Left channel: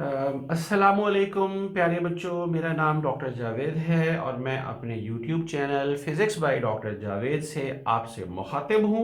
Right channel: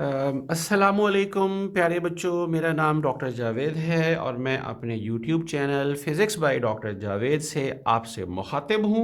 अस्सलामुअलैकुम प्यारे बच्चों, मेरा नाम डॉक्टर जावेद है और मैं अपने YouTube channel physics by doctor Javed से आपसे मुखातिब हूँ।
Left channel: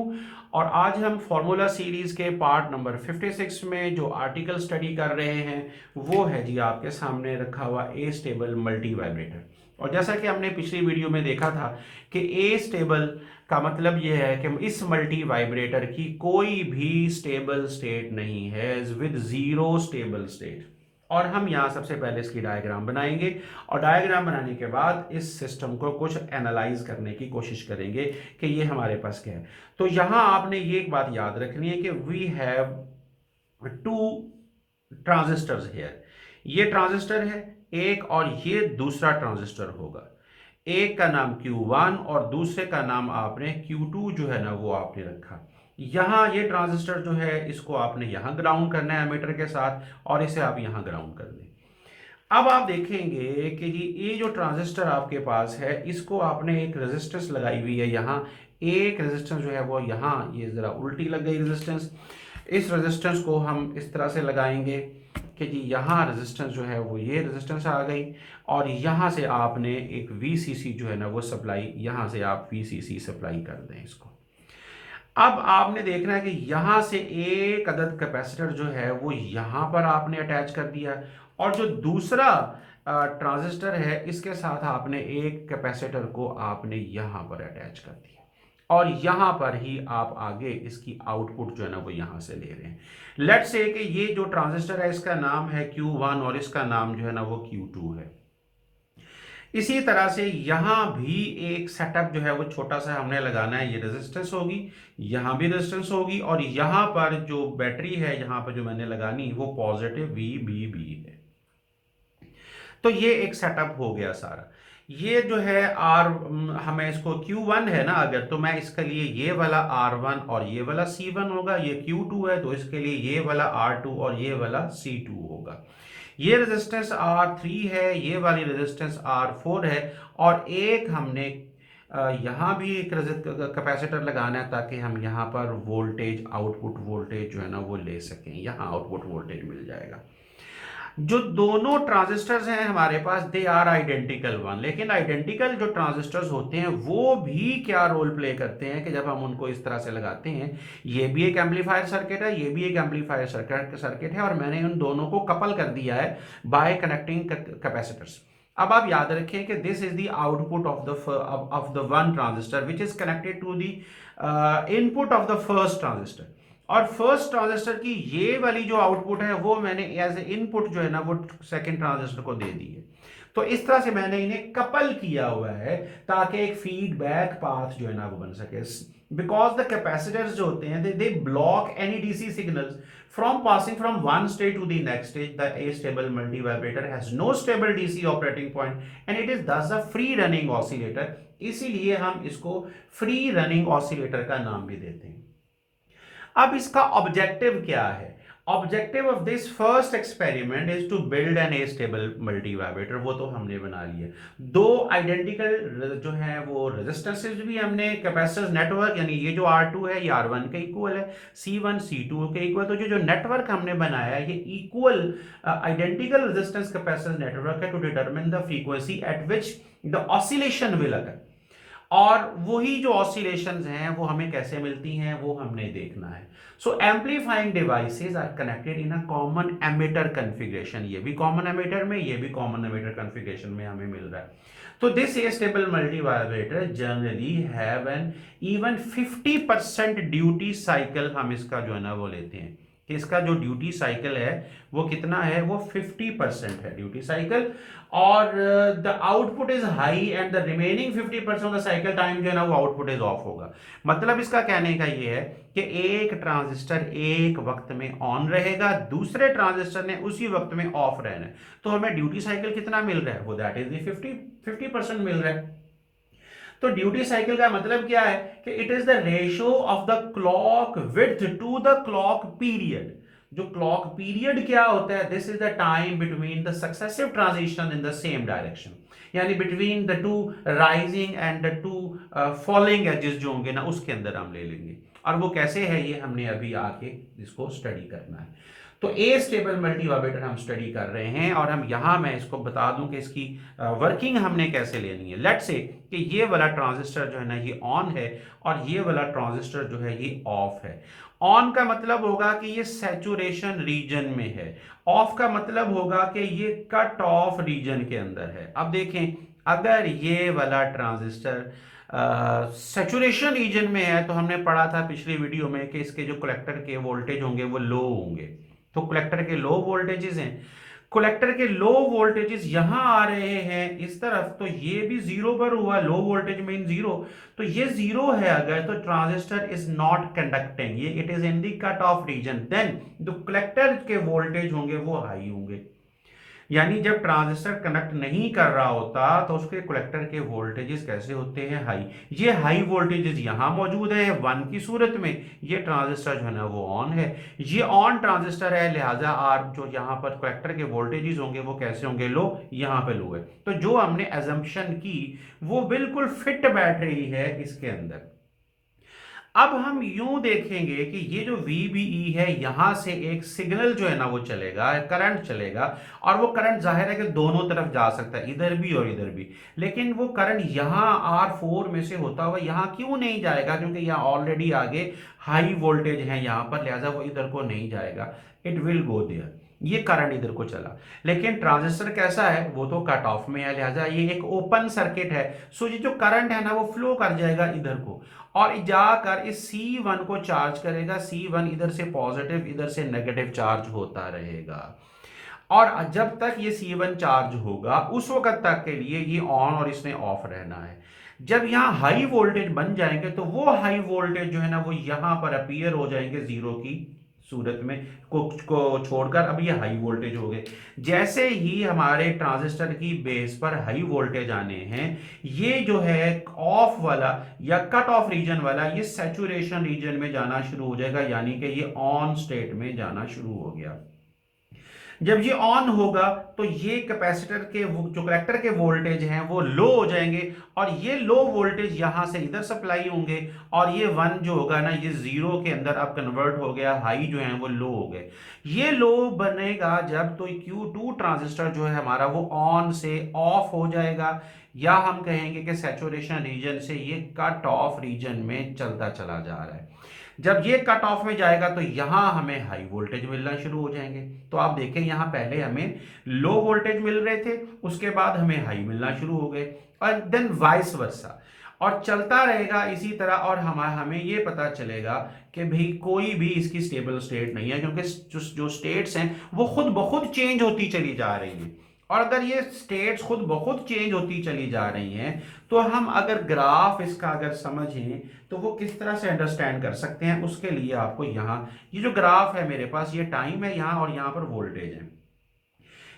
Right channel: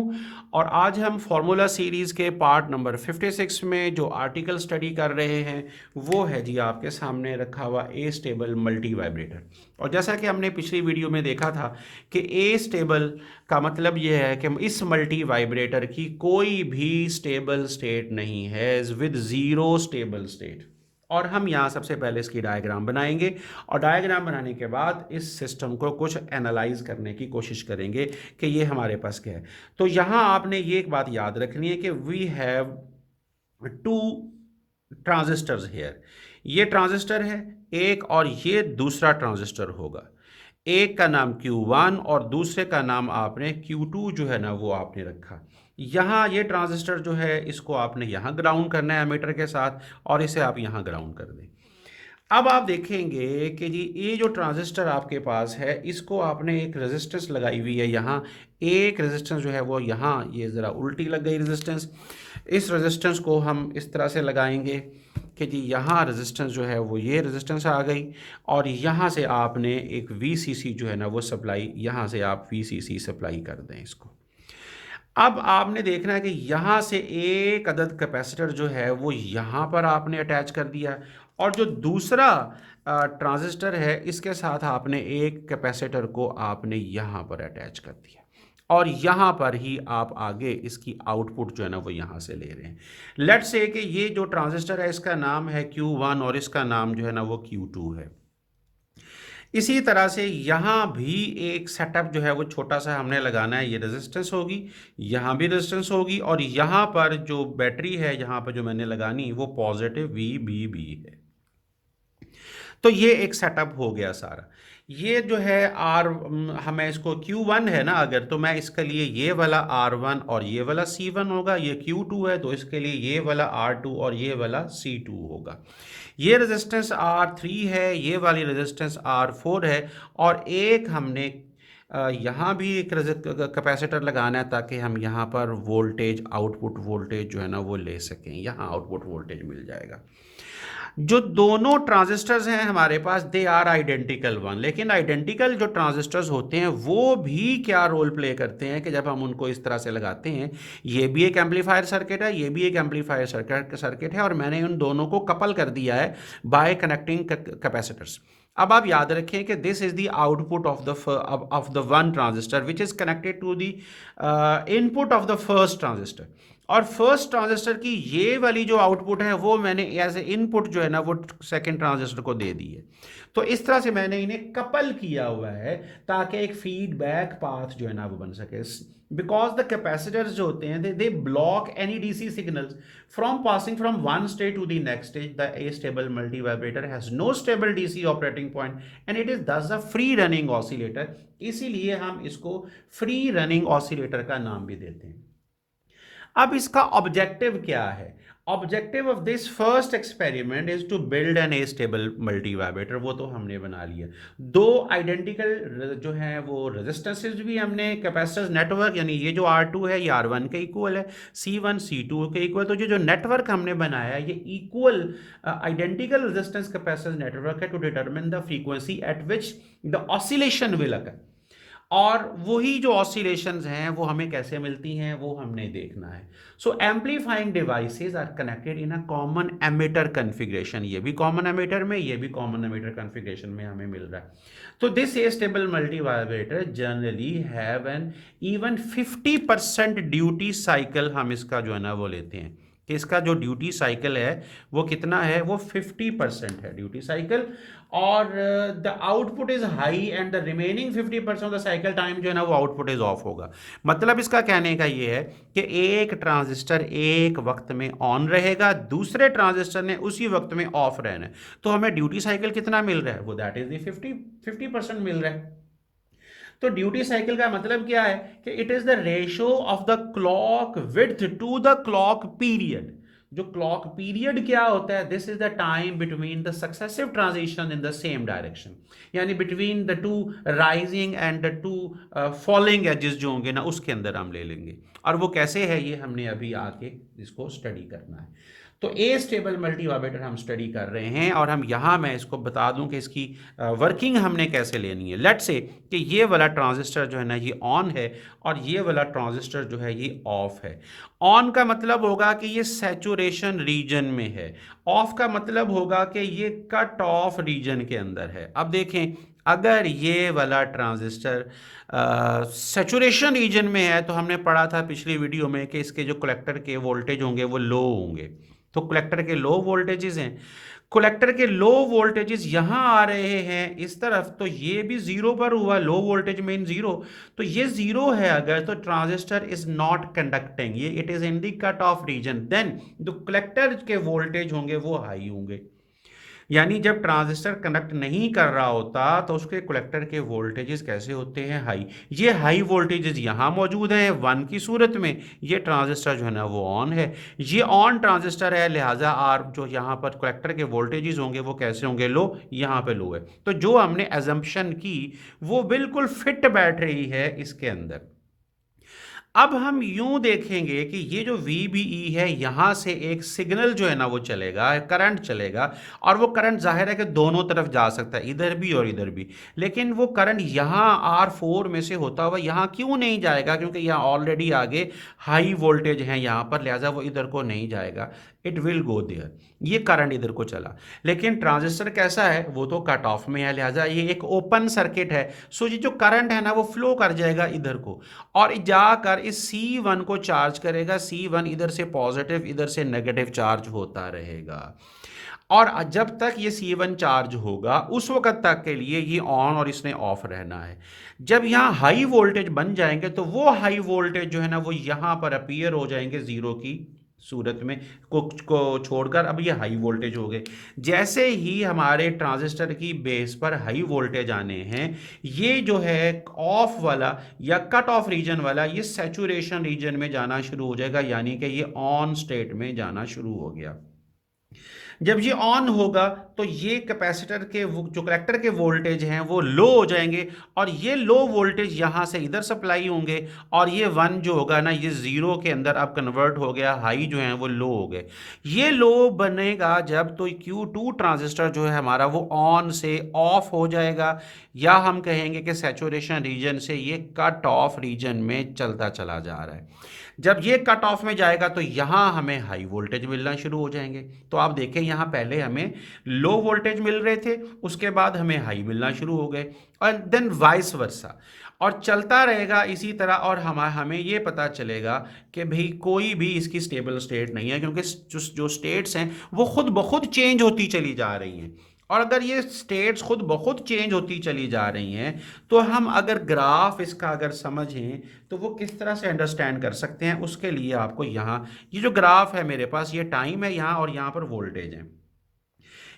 और आज हम फार्मूला सीरीज़ के पार्ट नंबर 56 में जो आर्टिकल स्टडी कर रहे हैं वो है जी आपके सामने रखा हुआ ए स्टेबल मल्टी वाइब्रेटर। और जैसा कि हमने पिछली वीडियो में देखा था कि ए स्टेबल का मतलब ये है कि इस मल्टी वाइब्रेटर की कोई भी स्टेबल स्टेट नहीं है विद ज़ीरो स्टेबल स्टेट। और हम यहाँ सबसे पहले इसकी डायग्राम बनाएंगे और डायग्राम बनाने के बाद इस सिस्टम को कुछ एनालाइज करने की कोशिश करेंगे कि ये हमारे पास क्या है। तो यहाँ आपने ये एक बात याद रखनी है कि we have two transistors here. ये ट्रांजिस्टर है एक और ये दूसरा ट्रांजिस्टर होगा। एक का नाम Q1 और दूसरे का नाम आपने Q2 जो है ना वो आपने रखा। यहाँ ये ट्रांजिस्टर जो है इसको आपने यहाँ ग्राउंड करना है एमीटर के साथ और इसे आप यहाँ ग्राउंड कर दें। अब आप देखेंगे कि जी ये जो ट्रांजिस्टर आपके पास है इसको आपने एक रेजिस्टेंस लगाई हुई है यहाँ। एक रेजिस्टेंस जो है वो यहाँ ये ज़रा उल्टी लग गई रेजिस्टेंस। इस रेजिस्टेंस को हम इस तरह से लगाएंगे कि जी यहाँ रेजिस्टेंस जो है वो ये रेजिस्टेंस आ गई और यहाँ से आपने एक VCC जो है ना वो सप्लाई यहाँ से आप VCC सप्लाई कर दें इसको। अब आपने देखना है कि यहाँ से एक अदद कैपेसिटर जो है वो यहाँ पर आपने अटैच कर दिया और जो दूसरा ट्रांजिस्टर है इसके साथ आपने एक कैपेसिटर को आपने यहाँ पर अटैच कर दिया और यहाँ पर ही आप आगे इसकी आउटपुट जो है ना वो यहाँ से ले रहे हैं। लेट्स से कि ये जो ट्रांजिस्टर है इसका नाम है Q1 और इसका नाम जो है ना वो Q2 है। इसी तरह से यहाँ भी एक सेटअप जो है वो छोटा सा हमने लगाना है। ये रेजिस्टेंस होगी, यहाँ भी रेजिस्टेंस होगी और यहाँ पर जो बैटरी है यहाँ पर जो मैंने लगानी वो पॉजिटिव VBB है। तो ये एक सेटअप हो गया सारा। ये जो है आर हमें इसको Q1 है ना अगर, तो मैं इसके लिए ये वाला R1 और ये वाला C1 होगा। ये Q2 है तो इसके लिए ये वाला R2 और ये वाला C2 होगा। ये रेजिस्टेंस R3 है, ये वाली रेजिस्टेंस R4 है और एक हमने यहाँ भी एक कैपेसिटर लगाना है ताकि हम यहाँ पर वोल्टेज आउटपुट वोल्टेज जो है ना वो ले सकें। यहाँ आउटपुट वोल्टेज मिल जाएगा। जो दोनों ट्रांजिस्टर्स हैं हमारे पास दे आर आइडेंटिकल वन, लेकिन आइडेंटिकल जो ट्रांजिस्टर्स होते हैं वो भी क्या रोल प्ले करते हैं कि जब हम उनको इस तरह से लगाते हैं, ये भी एक एम्पलीफायर सर्किट है, ये भी एक एम्पलीफायर सर्किट है और मैंने उन दोनों को कपल कर दिया है बाय कनेक्टिंग कैपेसिटर्स। अब आप याद रखें कि this is the output of the one transistor which is connected to the input of the first transistor. और फर्स्ट ट्रांजिस्टर की ये वाली जो आउटपुट है वो मैंने एज ए इनपुट जो है ना वो सेकंड ट्रांजिस्टर को दे दी है। तो इस तरह से मैंने इन्हें कपल किया हुआ है ताकि एक फीडबैक पाथ जो है ना वो बन सके। बिकॉज द कैपेसिटर्स जो होते हैं they block any DC signals from passing from one state to the next stage. The astable multivibrator has no stable DC operating point and it is thus a free running oscillator. इसीलिए हम इसको free running oscillator का नाम भी देते हैं। अब इसका ऑब्जेक्टिव क्या है? Objective of this first experiment is to build an astable multivibrator. वो तो हमने बना लिया। दो आइडेंटिकल जो है वो रेजिस्टेंसेज भी हमने कैपेसिटर्स नेटवर्क, यानी ये जो R2 है ये R1 के इक्वल है, C1 C2 के इक्वल। तो जो नेटवर्क हमने बनाया ये equal identical resistance capacitor network है to determine the frequency at which the oscillation will occur. और वही जो ऑसिलेशंस हैं वो हमें कैसे मिलती हैं वो हमने देखना है। So amplifying devices are connected in a common emitter configuration. ये भी कॉमन एमिटर में, ये भी कॉमन एमिटर कॉन्फ़िगरेशन में हमें मिल रहा है। तो this stable multi vibrator generally have an even 50% duty cycle. हम इसका जो है ना वो लेते हैं कि इसका जो ड्यूटी साइकिल है वो कितना है, वो 50% है ड्यूटी साइकिल। और the output is high and the remaining 50% of the cycle time जो है ना वो आउटपुट इज ऑफ होगा। मतलब इसका कहने का ये है कि एक ट्रांजिस्टर एक वक्त में ऑन रहेगा, दूसरे ट्रांजिस्टर ने उसी वक्त में ऑफ रहना है। तो हमें ड्यूटी साइकिल कितना मिल रहा है, वो दैट इज द 50% मिल रहा है। तो ड्यूटी साइकिल का मतलब क्या है कि it is the ratio of the clock width to the clock period. जो क्लॉक पीरियड क्या होता है, this is the time between the successive transition in the same direction, यानी between the two rising and the two falling edges जो होंगे ना उसके अंदर हम ले लेंगे। और वो कैसे है ये हमने अभी आके इसको स्टडी करना है। तो ए स्टेबल मल्टी वाइब्रेटर हम स्टडी कर रहे हैं, और हम यहाँ मैं इसको बता दूं कि इसकी वर्किंग हमने कैसे लेनी है। लेट्स से कि ये वाला ट्रांजिस्टर जो है ना ये ऑन है, और ये वाला ट्रांजिस्टर जो है ये ऑफ है। ऑन का मतलब होगा कि ये सैचुरेशन रीजन में है, ऑफ का मतलब होगा कि ये कट ऑफ रीजन के अंदर है। अब देखें, अगर ये वाला ट्रांजिस्टर सैचुरेशन रीजन में है, तो हमने पढ़ा था पिछली वीडियो में कि इसके जो कलेक्टर के वोल्टेज होंगे वो लो होंगे। तो कलेक्टर के लो वोल्टेजेस हैं, कलेक्टर के लो वोल्टेजेस यहां आ रहे हैं इस तरफ, तो ये भी जीरो पर हुआ, लो वोल्टेज मीन जीरो। तो ये जीरो है अगर, तो ट्रांजिस्टर इज नॉट कंडक्टिंग, ये it is in the cut off region, then जो कलेक्टर के वोल्टेज होंगे वो हाई होंगे। यानी जब ट्रांजिस्टर कनेक्ट नहीं कर रहा होता तो उसके कलेक्टर के वोल्टेजेस कैसे होते हैं, हाई। ये हाई वोल्टेजेस यहां मौजूद है 1 की सूरत में, ये ट्रांजिस्टर जो है ना वो ऑन है, ये ऑन ट्रांजिस्टर है, लिहाजा आर जो यहां पर कलेक्टर के वोल्टेजेस होंगे वो कैसे होंगे, लो, यहां पे लो है। तो जो हमने एजम्पशन की वो बिल्कुल फिट बैठ रही है इसके अंदर। अब हम यूं देखेंगे कि ये जो VBE है, यहां से एक सिग्नल जो है ना वो चलेगा, करंट चलेगा, और वो करंट जाहिर है कि दोनों तरफ जा सकता है, इधर भी और इधर भी। लेकिन वो करंट यहां R4 में से होता हुआ यहां क्यों नहीं जाएगा, क्योंकि यहां ऑलरेडी आगे हाई वोल्टेज है यहां पर, लिहाजा वो इधर को नहीं जाएगा, इट विल गो देयर, ये करंट इधर को चला। लेकिन ट्रांजिस्टर कैसा है, वो तो कट ऑफ में है, लिहाजा ये एक ओपन सर्किट है, सो ये जो करंट है ना वो फ्लो कर जाएगा इधर को, और जाकर इस C1 को चार्ज करेगा। C1 इधर से पॉजिटिव इधर से नेगेटिव चार्ज होता रहेगा, और जब तक ये C1 चार्ज होगा उस वक्त तक के लिए ये ऑन और इसने ऑफ रहना है। जब यहाँ हाई वोल्टेज बन जाएंगे तो वो हाई वोल्टेज जो है ना वो यहाँ पर अपीयर हो जाएंगे जीरो की सूरत में, को छोड़कर अब ये हाई वोल्टेज हो गए। जैसे ही हमारे ट्रांजिस्टर की बेस पर हाई वोल्टेज आने हैं, ये जो है ऑफ वाला या कट ऑफ रीजन वाला ये सैचुरेशन रीजन में जाना शुरू हो जाएगा, यानी कि ये ऑन स्टेट में जाना शुरू हो गया। जब ये ऑन होगा तो ये कैपेसिटर के जो कलेक्टर के वोल्टेज हैं वो लो हो जाएंगे, और ये लो वोल्टेज यहां से इधर सप्लाई होंगे, और ये 1 जो होगा ना ये जीरो के अंदर अब कन्वर्ट हो गया, हाई जो है वो लो हो गए। ये लो बनेगा जब तो Q2 ट्रांजिस्टर जो है हमारा वो ऑन से ऑफ हो जाएगा, या हम कहेंगे कि सैचुरेशन रीजन से ये कट ऑफ रीजन में चलता चला जा रहा है। जब ये कट ऑफ में जाएगा तो यहां हमें हाई वोल्टेज मिलना शुरू हो जाएंगे। तो आप देखें यहां पहले हमें लो वोल्टेज मिल रहे थे, उसके बाद हमें हाई मिलना शुरू हो गए, और देन वाइस वर्सा, और चलता रहेगा इसी तरह। और हमें ये पता चलेगा कि भाई कोई भी इसकी स्टेबल स्टेट नहीं है, क्योंकि जो स्टेट्स हैं वो खुद ब खुद चेंज होती चली जा रही हैं। और अगर ये स्टेट्स खुद ब खुद चेंज होती चली जा रही हैं, तो हम अगर ग्राफ इसका अगर समझें तो वो किस तरह से अंडरस्टैंड कर सकते हैं, उसके लिए आपको यहाँ ये जो ग्राफ है मेरे पास, ये टाइम है यहाँ, और यहाँ पर वोल्टेज है।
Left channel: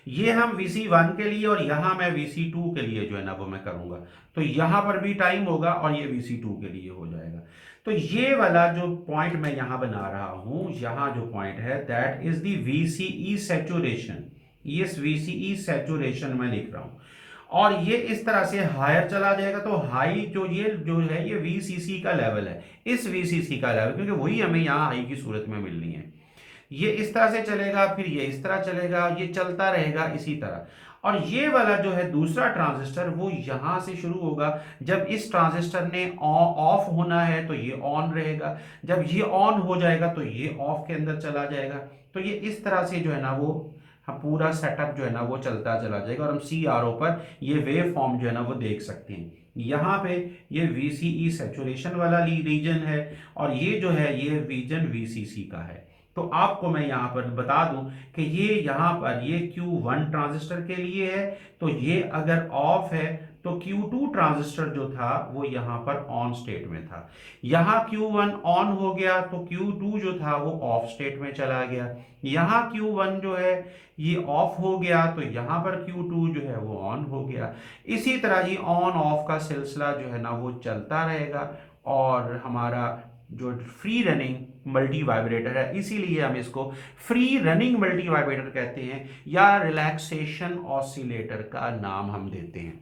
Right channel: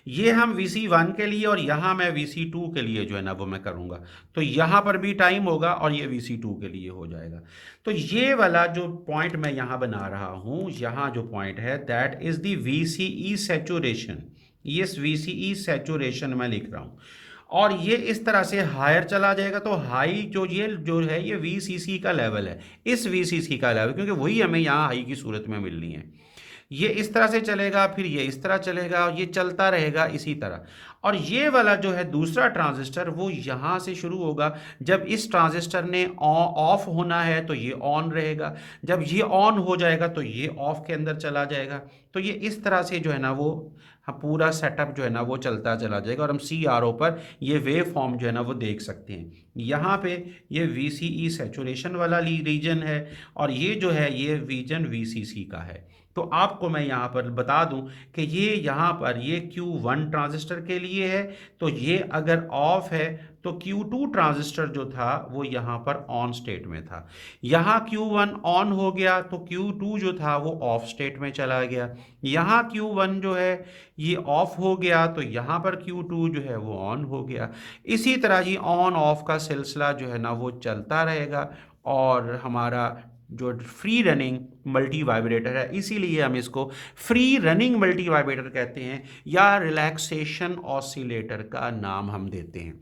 ये हम VC1 के लिए और यहाँ मैं VC2 के लिए जो है ना वो मैं करूँगा, तो यहाँ पर भी टाइम होगा और ये VC2 के लिए हो जाएगा। तो ये वाला जो पॉइंट मैं यहाँ बना रहा हूँ, यहाँ जो पॉइंट है that is the VCE saturation, ये VCE सैचुरेशन मैं लिख रहा हूँ। और ये इस तरह से हायर चला जाएगा, तो हाई जो ये जो है ये VCC का लेवल है, इस VCC का लेवल, क्योंकि वही हमें यहाँ हाई की सूरत में मिलनी है। ये इस तरह से चलेगा, फिर ये इस तरह चलेगा, ये चलता रहेगा इसी तरह। और ये वाला जो है दूसरा ट्रांजिस्टर वो यहां से शुरू होगा, जब इस ट्रांजिस्टर ने ऑफ होना है तो ये ऑन रहेगा, जब ये ऑन हो जाएगा तो ये ऑफ के अंदर चला जाएगा। तो ये इस तरह से जो है ना वो पूरा सेटअप जो है ना वो चलता चला जाएगा, और हम CRO पर ये वेव फॉर्म जो है ना वो देख सकते हैं। यहाँ पे ये VCE सैचुरेशन वाला रीजन है, और ये जो है ये रीजन VCC का है। तो आपको मैं यहाँ पर बता दूं कि ये यहाँ पर ये Q1 ट्रांजिस्टर के लिए है, तो ये अगर ऑफ है तो Q2 ट्रांजिस्टर जो था वो यहाँ पर ऑन स्टेट में था। यहाँ Q1 ऑन हो गया तो Q2 जो था वो ऑफ स्टेट में चला गया। यहाँ Q1 जो है ये ऑफ हो गया तो यहाँ पर Q2 जो है वो ऑन हो गया। इसी तरह ही ऑन ऑफ का सिलसिला जो है ना वो चलता रहेगा, और हमारा जो फ्री रनिंग मल्टी वाइब्रेटर है, इसीलिए हम इसको फ्री रनिंग मल्टी वाइब्रेटर कहते हैं, या रिलैक्सेशन ऑसिलेटर का नाम हम देते हैं।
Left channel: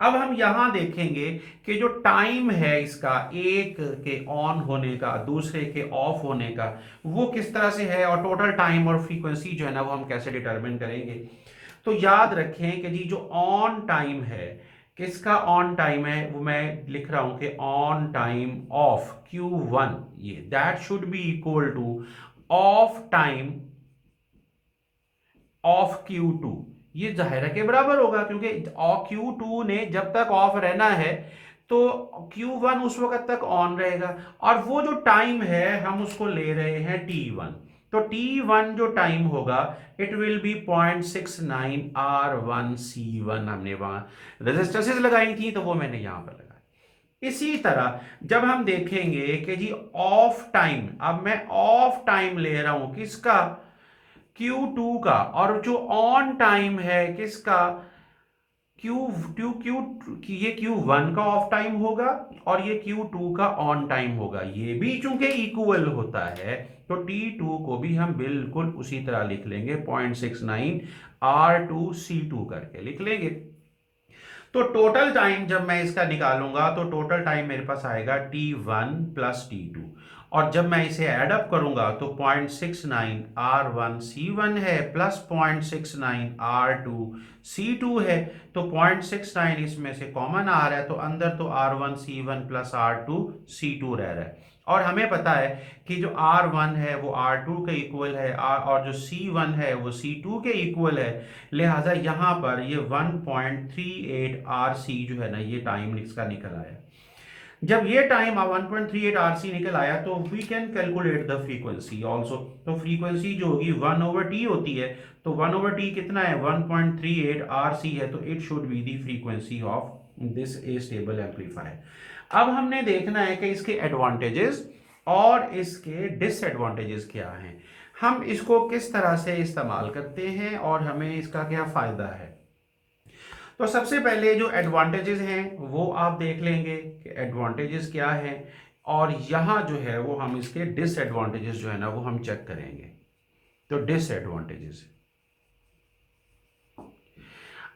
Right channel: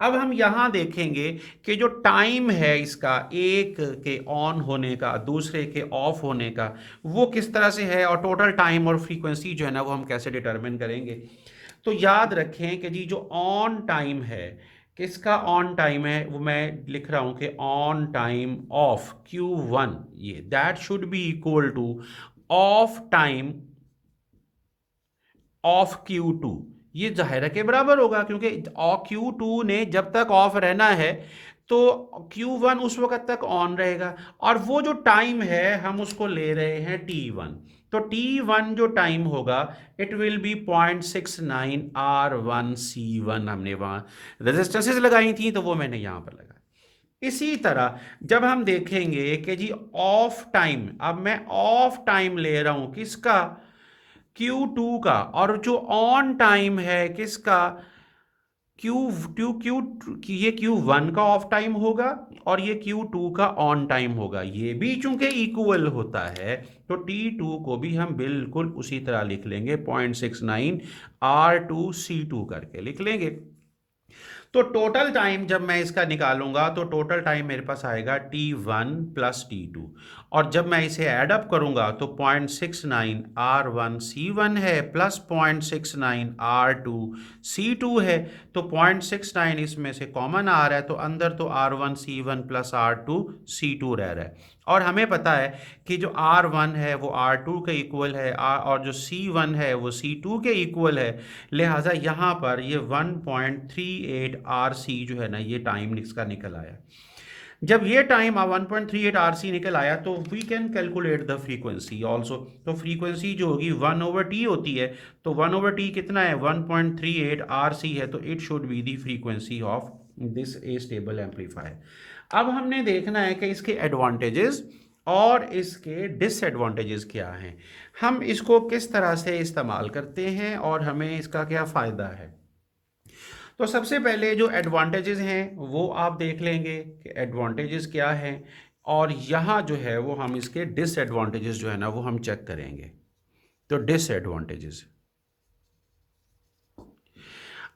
अब हम यहाँ देखेंगे कि जो टाइम है इसका, एक के ऑन होने का, दूसरे के ऑफ होने का, वो किस तरह से है, और टोटल टाइम और फ्रीक्वेंसी जो है ना वो हम कैसे डिटरमिन करेंगे। तो याद रखें कि जी जो ऑन टाइम है, किसका ऑन टाइम है, वो मैं लिख रहा हूं कि ऑन टाइम ऑफ Q1, ये that should be equal two of time of Q2। ये जाहिर के बराबर होगा, क्योंकि Q2 ने जब तक ऑफ रहना है तो Q1 उस वक्त तक ऑन रहेगा, और वो जो टाइम है हम उसको ले रहे हैं T1। तो T1 जो टाइम होगा, इट विल बी 0.69 R1C1। हमने वहां रेजिस्टेंसेस लगाई थी तो वो मैंने यहां पर लगाई। इसी तरह जब हम देखेंगे कि जी ऑफ टाइम, अब मैं ऑफ टाइम ले रहा हूं किसका, Q2 का, और जो ऑन टाइम है किसका, Q क्यू क्यू ये Q1 का ऑफ टाइम होगा और ये Q2 का ऑन टाइम होगा। ये भी चूंकि इक्वल होता है तो T2 को भी हम बिल्कुल उसी तरह लिख लेंगे, 0.69 R2C2 करके लिख लेंगे। तो टोटल टाइम जब मैं इसका निकालूंगा तो टोटल टाइम मेरे पास आएगा T1 प्लस T2, और जब मैं इसे ऐड अप करूंगा तो 0.69 R1C1 है प्लस 0.69 R2C2 है। तो 0.69 इसमें से कॉमन आ रहा है, तो अंदर तो R1C1 प्लस R2C2 रह रहा है, और हमें पता है कि जो R1 है वो R2 के इक्वल है, और जो C1 है वो C2 के इक्वल है। लिहाजा यहाँ पर ये 1.38 RC जो है ना, ये टाइम इसका निकल आया। जब ये टाइम 1.38 RC निकल आया तो we can calculate the frequency also. तो फ्रीक्वेंसी जो होगी 1/T होती है, तो 1/T कितना है, 1.38 RC है, तो it should be the frequency of this A stable amplifier. अब हमने देखना है कि इसके एडवांटेजेस और इसके डिसएडवांटेजेस क्या हैं, हम इसको किस तरह से इस्तेमाल करते हैं और हमें इसका क्या फ़ायदा है। तो सबसे पहले जो एडवांटेजेस हैं वो आप देख लेंगे कि एडवांटेजेस क्या हैं, और यहाँ जो है वो हम इसके डिसएडवांटेजेस जो है ना वो हम चेक करेंगे। तो डिसएडवांटेजेस,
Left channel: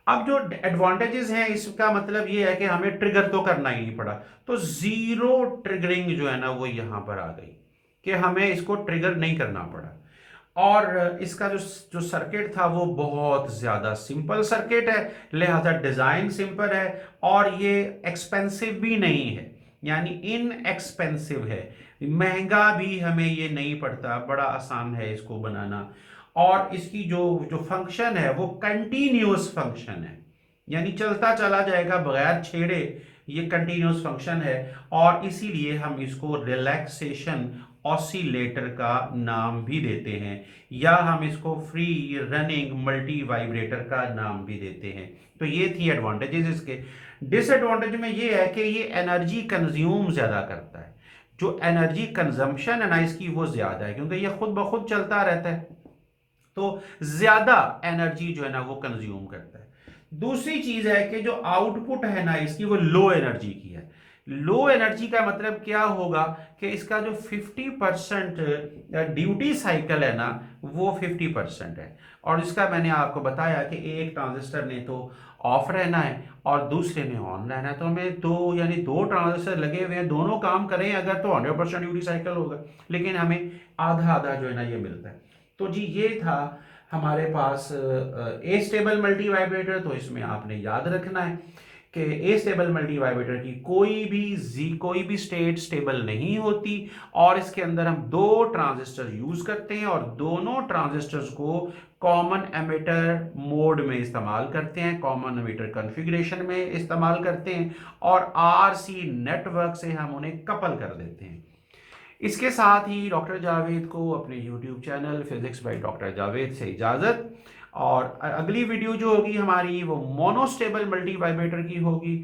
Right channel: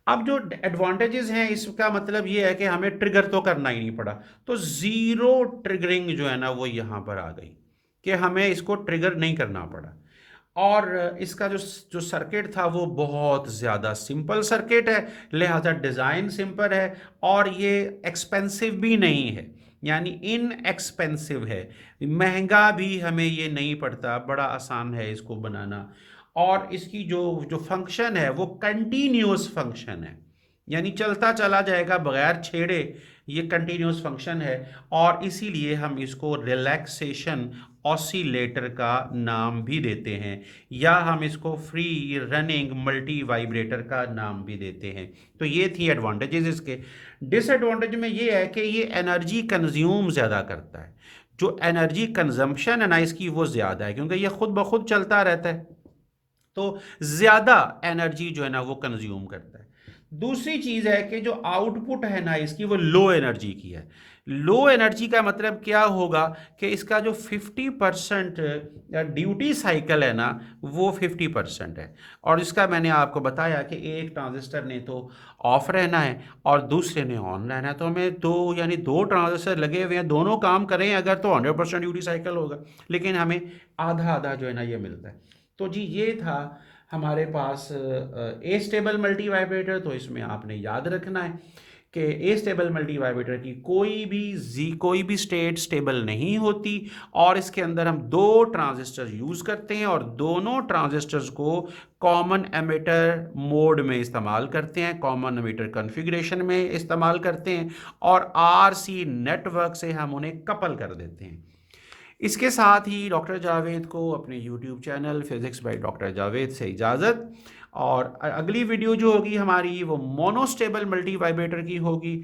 अब जो एडवांटेजेस हैं इसका मतलब ये है कि हमें ट्रिगर तो करना ही नहीं पड़ा। तो जीरो ट्रिगरिंग जो है ना वो यहाँ पर आ गई, कि हमें इसको ट्रिगर नहीं करना पड़ा। और इसका जो जो सर्किट था वो बहुत ज़्यादा सिंपल सर्किट है, लिहाजा डिज़ाइन सिंपल है, और ये एक्सपेंसिव भी नहीं है, यानी इन एक्सपेंसिव है, महंगा भी हमें ये नहीं पड़ता, बड़ा आसान है इसको बनाना। और इसकी जो जो फंक्शन है वो कंटिन्यूस फंक्शन है, यानी चलता चला जाएगा बगैर छेड़े, ये कंटिन्यूस फंक्शन है, और इसीलिए हम इसको रिलैक्सेशन ऑसिलेटर का नाम भी देते हैं, या हम इसको फ्री रनिंग मल्टी वाइब्रेटर का नाम भी देते हैं। तो ये थी एडवांटेजेस इसके। डिसएडवांटेज में ये है कि ये एनर्जी कंज्यूम ज़्यादा करता है, जो एनर्जी कंजम्पशन है ना इसकी वो ज़्यादा है, क्योंकि ये खुद ब खुद चलता रहता है, तो ज़्यादा एनर्जी जो है ना वो कंज्यूम करता है। दूसरी चीज़ है कि जो आउटपुट है ना इसकी वो लो एनर्जी की है। लो एनर्जी का मतलब क्या होगा कि इसका जो 50% ड्यूटी साइकिल है ना वो 50% है, और इसका मैंने आपको बताया कि एक ट्रांजिस्टर ने तो ऑफ रहना है और दूसरे ने ऑन रहना है, तो हमें दो यानी दो ट्रांजिस्टर लगे हुए हैं, दोनों काम करें अगर तो 100% ड्यूटी साइकिल होगा, लेकिन हमें आधा आधा जो है ना ये मिलता है। तो जी ये था हमारे पास ए स्टेबल मल्टी वाइब्रेटर। तो इसमें आपने याद रखना है कि ए स्टेबल मल्टी वाइब्रेटर की कोई भी स्टेट स्टेबल नहीं होती, और इसके अंदर हम दो ट्रांजिस्टर यूज करते हैं और दोनों ट्रांजिस्टर्स को कॉमन एमिटर मोड में इस्तेमाल करते हैं, कॉमन एमिटर कॉन्फ़िगरेशन में इस्तेमाल करते हैं, और आरसी नेटवर्क से हम उन्हें कपल कर देते हैं। इसके साथ ही डॉक्टर जावेद को अपने YouTube channel physics by doctor Javed से इजाज़त, और अगली वीडियो जो होगी हमारी वो मोनोस्टेबल मल्टी वाइब्रेटर की होगी।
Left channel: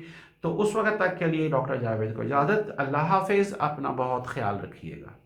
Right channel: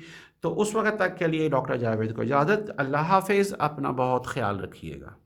तो उस वक्त तक के लिए डॉक्टर जावेद को इजाज़त। अल्लाह हाफिज़, अपना बहुत ख्याल रखिएगा।